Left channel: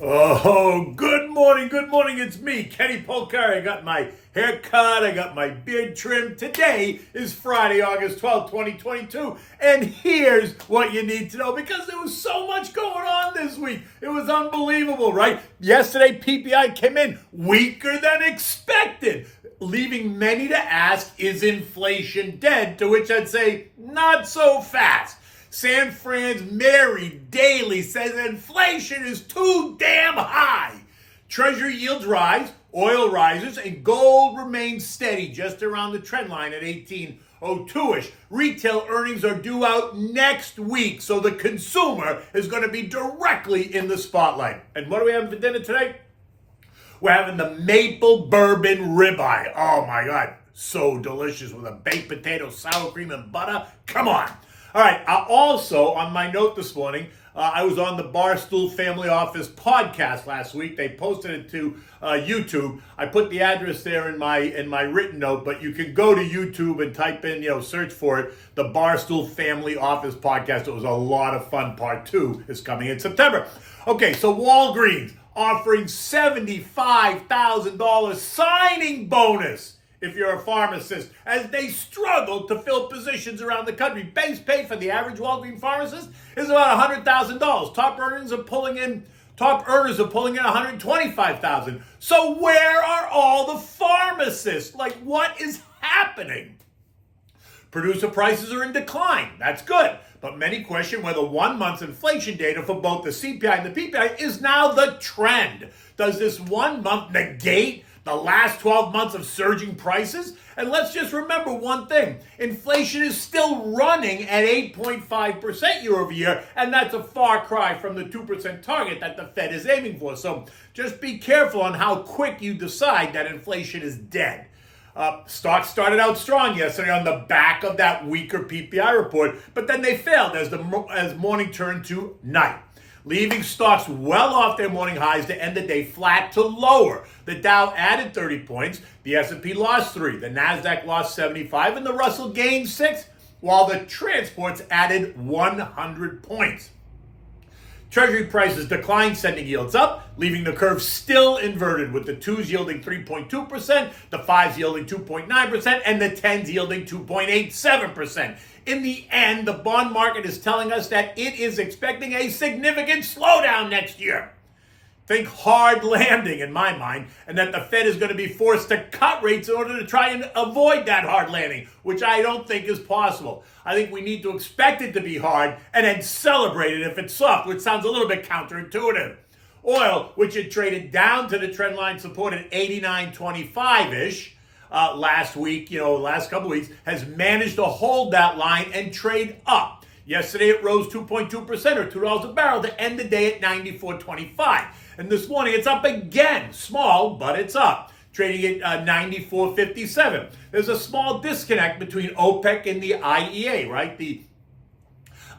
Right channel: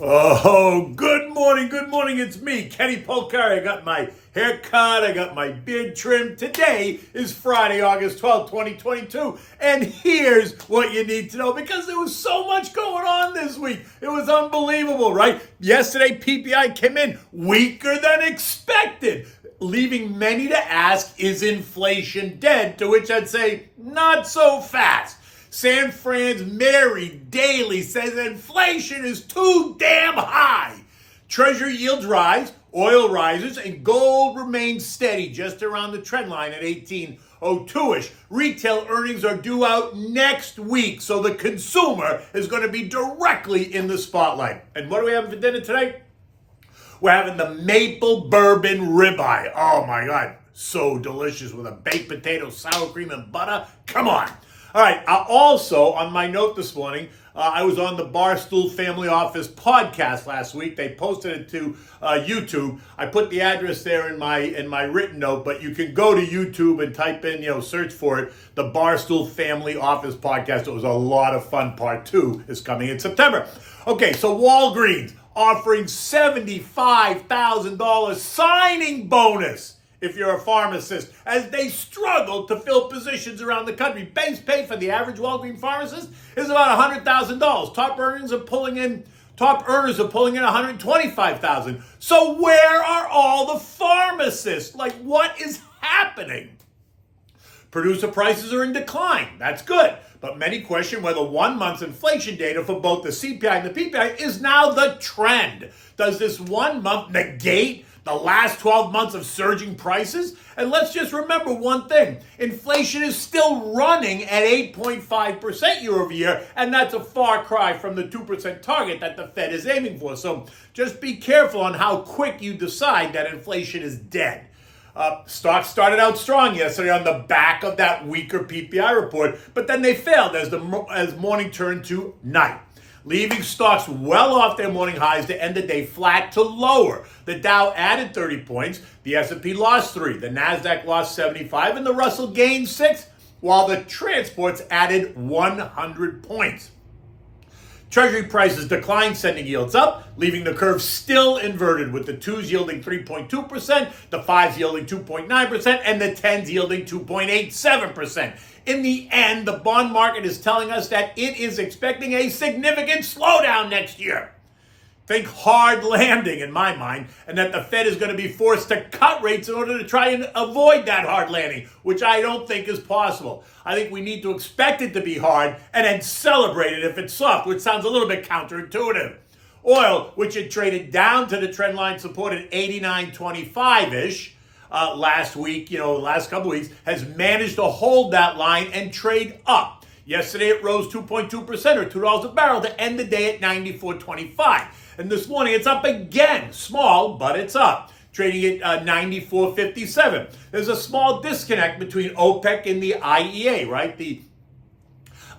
Oh, good morning, good morning. It's me, Kenny Polcari. I got my hair cut, I got my beard trimmed. Today is Friday, August 12th, 2022. And here's what you need to know because there was so much going on this week. It was unbelievable, right? Yesterday, PPI came in weaker than expected, leaving many to ask, is inflation dead? To which I'd say, not so fast. San Fran's Mary Daly says inflation is too damn high. Treasury yields rise, oil rises, and gold remains steady just around the trend line at 1802-ish. Retail earnings are due out next week, so the consumer is going to be directly in the spotlight. And what are we having for dinner today? We're having the maple bourbon ribeye. Oh my God, so delicious with a baked potato, sour cream, and butter. Come on. All right, also on my note this morning, I was on the Barstool Family Office podcast last week. They posted it to YouTube. I put the address there in my written note, but you can go to YouTube and type in, search for it, the Barstool Family Office podcast. It was a lot of fun. Part 2 is coming in September. Okay, so Walgreens offering $75,000 signing bonus if you're a pharmacist, as they struggle to fill positions around the country. Base pay for the average Walgreens pharmacist is about $100,000. Top earners are pulling in $125,000. So where are all the pharmacists? Like, what is happening? Producer prices are in decline. That's good. But many question whether 1 month's inflation data for both the CPI and the PPI is now the trend. Does this 1 month negate the last 12 months of surging prices? And let's just remember one thing. Inflation is still running at 8.5% year over year, and that's a far cry from the 2% target that the Fed is aiming for. So just be careful on how quick you decide that inflation is dead. Stocks started out strong yesterday on the back of that weaker PPI report, but then they failed as morning turned to night, leaving stocks well off their morning highs to end the day flat to lower. The Dow added 30 points, the S&P lost 3, the Nasdaq lost 75, and the Russell gained 6, while the transports added 100 points. Treasury prices declined, sending yields up, leaving the curve still inverted, with the 2s yielding 3.2%, the 5s yielding 2.9%, and the 10s yielding 2.87%. In the end, the bond market is telling us that it is expecting a significant slowdown next year. Think hard landing in my mind, and that the Fed is going to be forced to cut rates in order to try and avoid that hard landing, which I don't think is possible. I think we need to expect it to be hard and then celebrate it if it's soft, which sounds a little bit counterintuitive. Oil, which had traded down to the trend line support at 89.25-ish, last week, last couple weeks, has managed to hold that line and trade up. Yesterday it rose 2.2% or $2 a barrel to end the day at 94.25. And this morning it's up again, small, but it's up, trading at 94.57. There's a small disconnect between OPEC and the IEA, right? The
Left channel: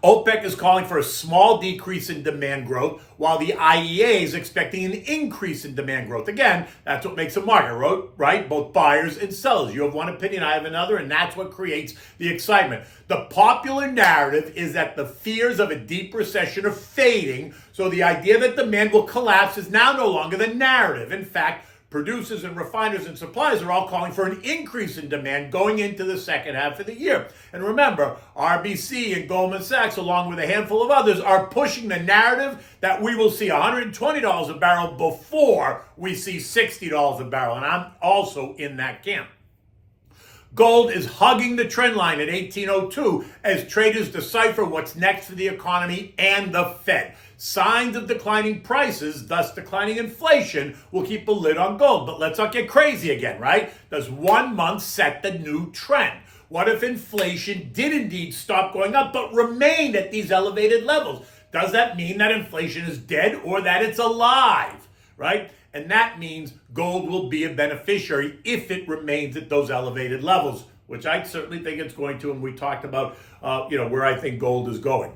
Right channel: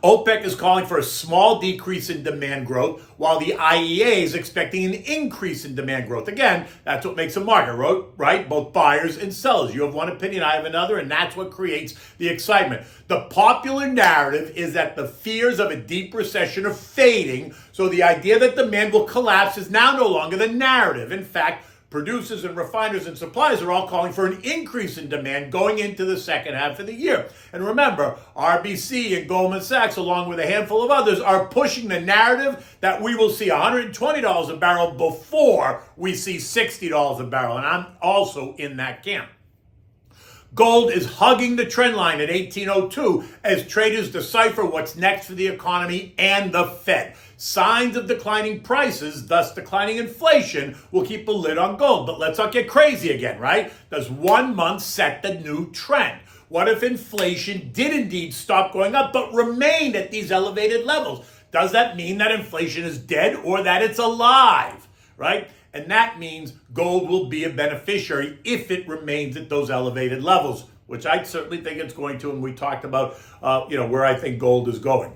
OPEC is calling for a small decrease in demand growth, while the IEA is expecting an increase in demand growth. Again, that's what makes a market, right? Both buyers and sellers. You have one opinion, I have another, and that's what creates the excitement. The popular narrative is that the fears of a deep recession are fading, so the idea that demand will collapse is now no longer the narrative. In fact, producers and refiners and suppliers are all calling for an increase in demand going into the second half of the year. And remember, RBC and Goldman Sachs, along with a handful of others, are pushing the narrative that we will see $120 a barrel before we see $60 a barrel. And I'm also in that camp. Gold is hugging the trend line at 1802 as traders decipher what's next for the economy and the Fed. Signs of declining prices, thus declining inflation, will keep a lid on gold. But let's not get crazy again, right? Does 1 month set the new trend? What if inflation did indeed stop going up but remained at these elevated levels? Does that mean that inflation is dead or that it's alive, right? And that means gold will be a beneficiary if it remains at those elevated levels, which I certainly think it's going to, and we talked about where I think gold is going.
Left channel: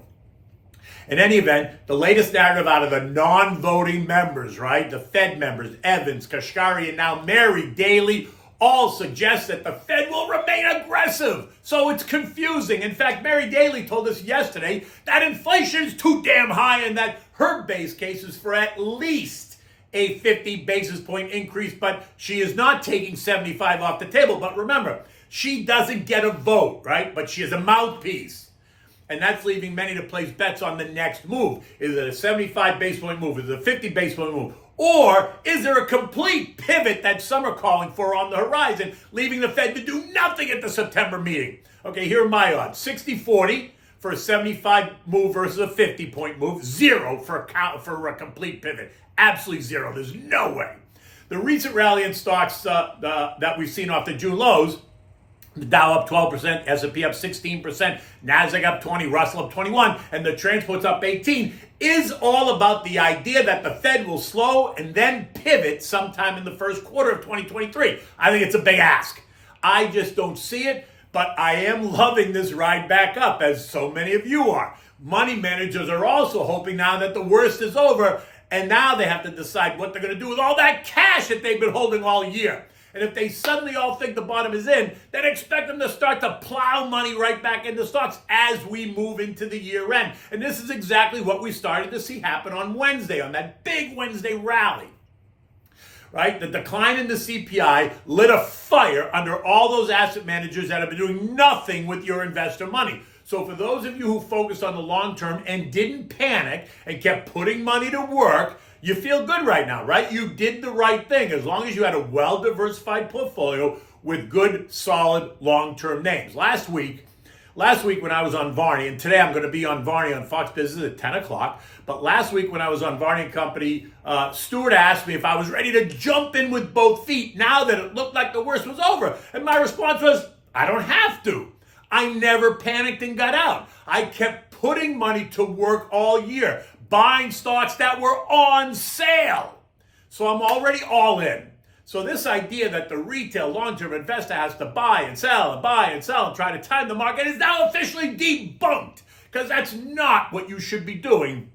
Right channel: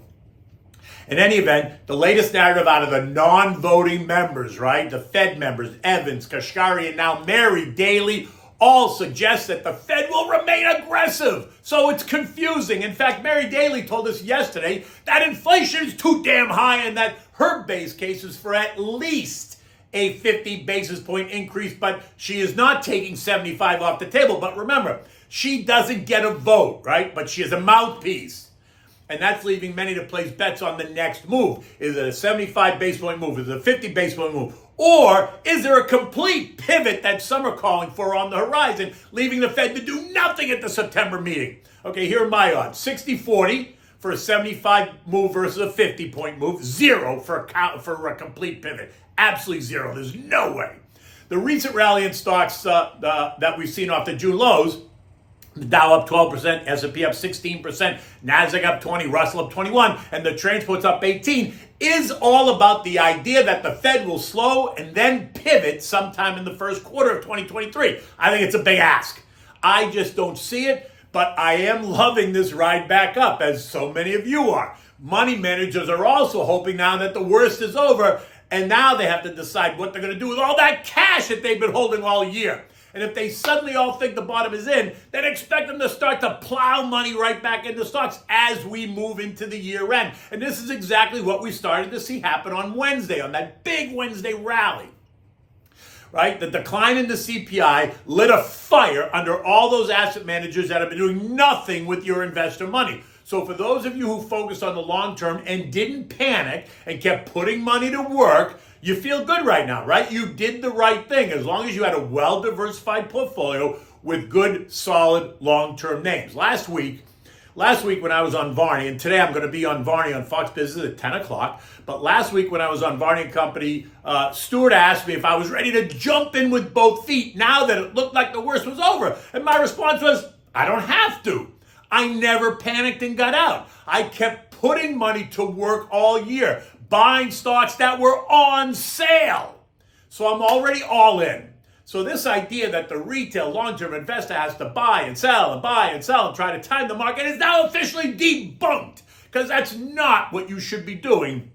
In any event, the latest narrative out of the non-voting members, right? The Fed members, Evans, Kashkari, and now Mary Daly, all suggest that the Fed will remain aggressive. So it's confusing. In fact, Mary Daly told us yesterday that inflation is too damn high and that her base case is for at least a 50 basis point increase, but she is not taking 75 off the table. But remember, she doesn't get a vote, right? But she is a mouthpiece. And that's leaving many to place bets on the next move. Is it a 75 basis point move? Is it a 50 basis point move? Or is there a complete pivot that some are calling for on the horizon, leaving the Fed to do nothing at the September meeting? Okay, here are my odds. 60-40 for a 75 move versus a 50-point move. 0 for a complete pivot. Absolutely 0. There's no way. The recent rally in stocks that we've seen off the June lows, the Dow up 12%, S&P up 16%, NASDAQ up 20, Russell up 21, and the transports up 18, is all about the idea that the Fed will slow and then pivot sometime in the first quarter of 2023. I think it's a big ask. I just don't see it, but I am loving this ride back up, as so many of you are. Money managers are also hoping now that the worst is over, and now they have to decide what they're going to do with all that cash that they've been holding all year. And if they suddenly all think the bottom is in, then expect them to start to plow money right back into stocks as we move into the year end. And this is exactly what we started to see happen on Wednesday, on that big Wednesday rally. Right? The decline in the CPI lit a fire under all those asset managers that have been doing nothing with your investor money. So for those of you who focused on the long term and didn't panic and kept putting money to work, you feel good right now, right? You did the right thing as long as you had a well-diversified portfolio with good, solid, long-term names. Last week when I was on Varney, and today I'm going to be on Varney on Fox Business at 10 o'clock, but last week when I was on Varney & Company, Stuart asked me if I was ready to jump in with both feet now that it looked like the worst was over. And my response was, I don't have to. I never panicked and got out. I kept putting money to work all year, buying stocks that were on sale. So I'm already all in. So this idea that the retail long-term investor has to buy and sell and buy and sell and try to time the market is now officially debunked, because that's not what you should be doing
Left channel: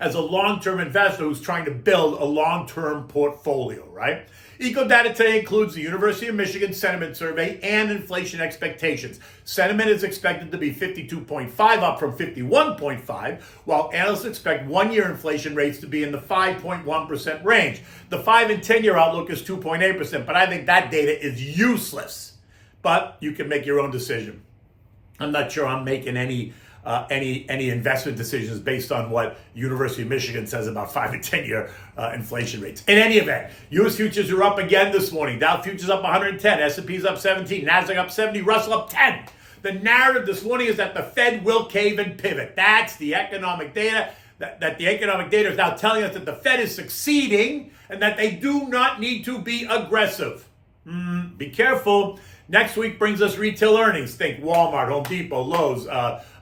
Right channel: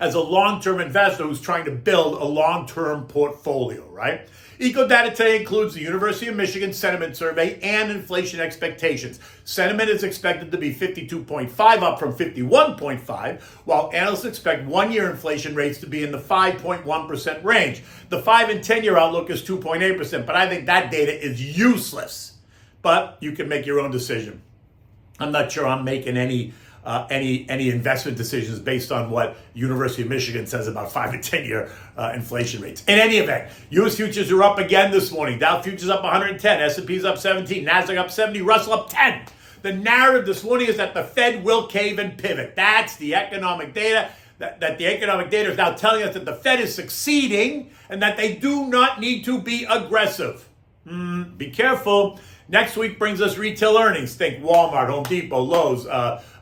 as a long-term investor who's trying to build a long-term portfolio, right? EcoData today includes the University of Michigan Sentiment Survey and inflation expectations. Sentiment is expected to be 52.5, up from 51.5, while analysts expect one-year inflation rates to be in the 5.1% range. The 5 and 10-year outlook is 2.8%, but I think that data is useless. But you can make your own decision. I'm not sure I'm making any investment decisions based on what University of Michigan says about 5 and 10-year inflation rates. In any event, U.S. futures are up again this morning. Dow futures up 110, S&P's up 17, NASDAQ up 70, Russell up 10. The narrative this morning is that the Fed will cave and pivot. That's the economic data. That the economic data is now telling us that the Fed is succeeding and that they do not need to be aggressive. Be careful. Next week brings us retail earnings. Think Walmart, Home Depot, Lowe's,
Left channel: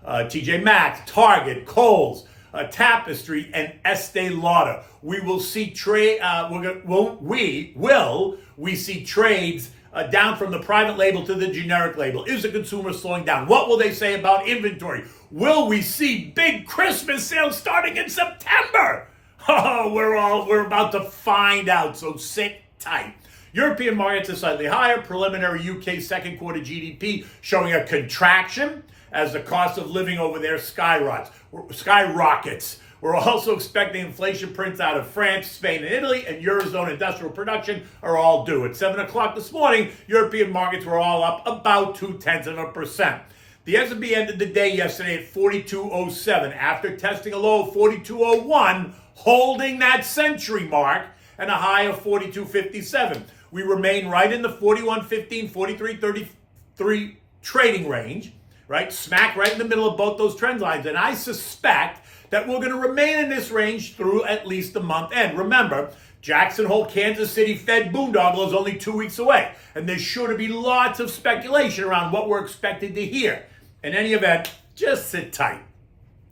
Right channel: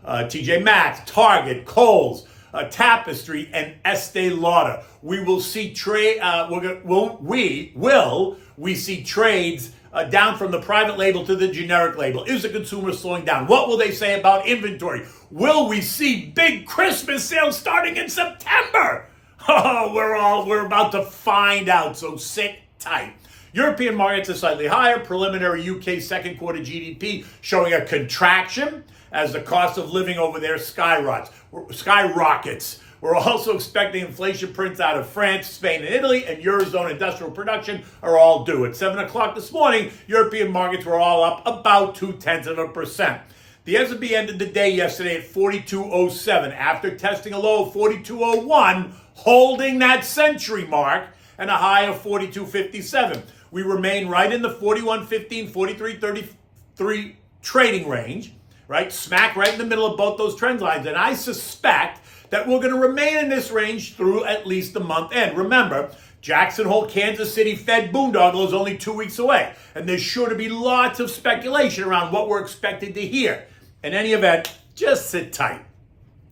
TJ Maxx, Target, Kohl's, Tapestry, and Estee Lauder. We will see we see trades down from the private label to the generic label. Is the consumer slowing down? What will they say about inventory? Will we see big Christmas sales starting in September? Oh, we're about to find out, so sit tight. European markets are slightly higher. Preliminary UK second quarter GDP showing a contraction as the cost of living over there skyrockets. We're also expecting inflation prints out of France, Spain, and Italy, and Eurozone industrial production are all due. At 7 o'clock this morning, European markets were all up about 0.2%. The S&P ended the day yesterday at 42.07 after testing a low of 42.01, holding that century mark, and a high of 42.57. We remain right in the 41.15, 43.33 trading range, right? Smack right in the middle of both those trend lines. And I suspect that we're going to remain in this range through at least the month end. Remember, Jackson Hole, Kansas City Fed boondoggle is only 2 weeks away. And there's sure to be lots of speculation around what we're expected to hear. In any event, just sit tight.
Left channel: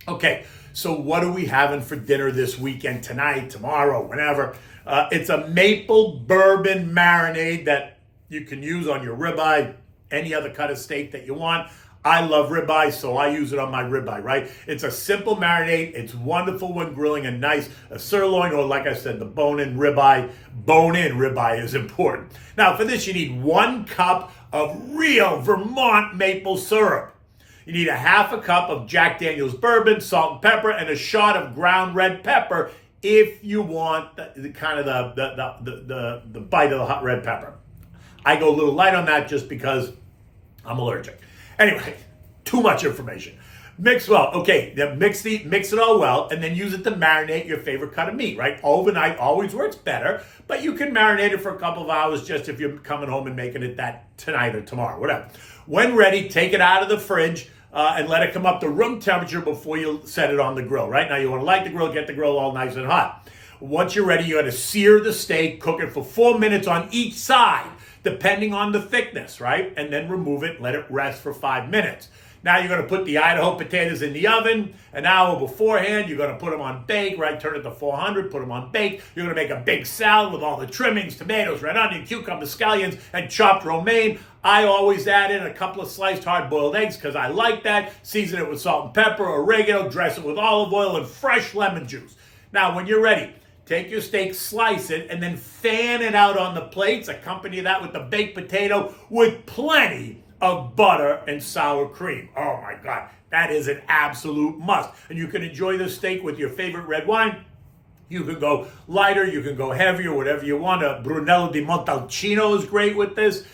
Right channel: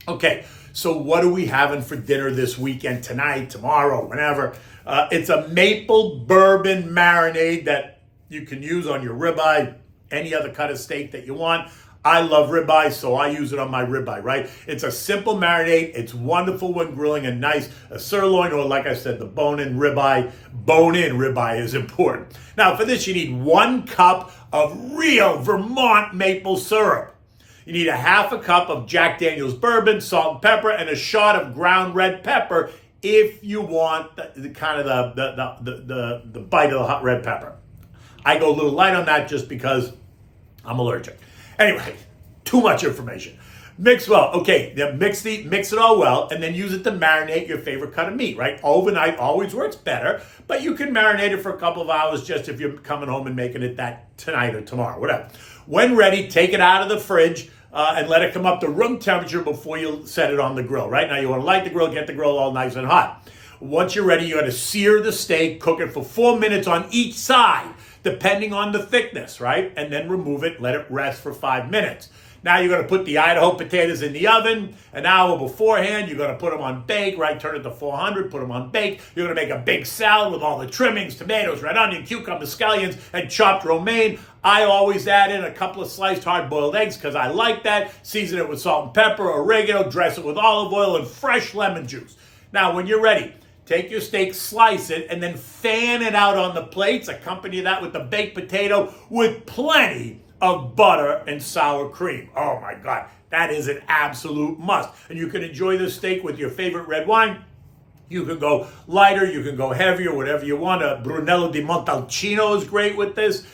Okay, so what are we having for dinner this weekend, tonight, tomorrow, whenever? It's a maple bourbon marinade that you can use on your ribeye, any other cut of steak that you want. I love ribeye, so I use it on my ribeye, right? It's a simple marinade. It's wonderful when grilling a sirloin, or like I said, the bone-in ribeye. Bone-in ribeye is important. Now, for this, you need 1 cup of real Vermont maple syrup. You need a half a cup of Jack Daniel's bourbon, salt and pepper, and a shot of ground red pepper if you want the kind of the bite of the hot red pepper. I go a little light on that just because I'm allergic. Anyway, too much information. Mix well. Okay, then mix it all well, and then use it to marinate your favorite cut of meat, right? Overnight always works better, but you can marinate it for a couple of hours just if you're coming home and making it that tonight or tomorrow, whatever. When ready, take it out of the fridge and let it come up to room temperature before you set it on the grill, right? Now you want to light the grill, get the grill all nice and hot. Once you're ready, you got to sear the steak, cook it for 4 minutes on each side, depending on the thickness, right? And then remove it, let it rest for 5 minutes. Now you're going to put the Idaho potatoes in the oven an hour beforehand. You're going to put them on bake, right? Turn it to 400, put them on bake. You're going to make a big salad with all the trimmings, tomatoes, red onion, cucumber, scallions, and chopped romaine. I always add in a couple of sliced hard-boiled eggs because I like that. Season it with salt and pepper, oregano, dress it with olive oil and fresh lemon juice. Now, when you're ready, take your steak, slice it, and then fan it out on the plates. Accompany that with the baked potato with plenty of butter and sour cream. Oh my God, that is an absolute must. And you can enjoy this steak with your favorite red wine. You can go lighter, you can go heavier, whatever you want. A Brunello di Montalcino is great with this.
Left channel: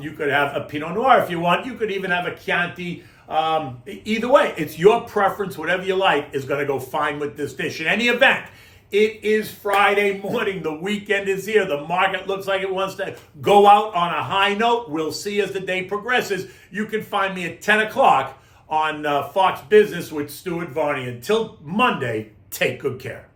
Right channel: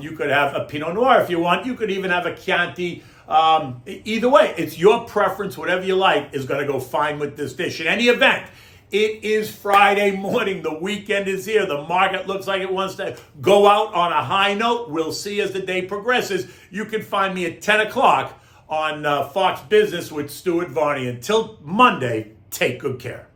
You could have a Pinot Noir if you want. You could even have a Chianti. Either way, it's your preference. Whatever you like is going to go fine with this dish. In any event, it is Friday morning. The weekend is here. The market looks like it wants to go out on a high note. We'll see as the day progresses. You can find me at 10 o'clock on Fox Business with Stuart Varney. Until Monday, take good care.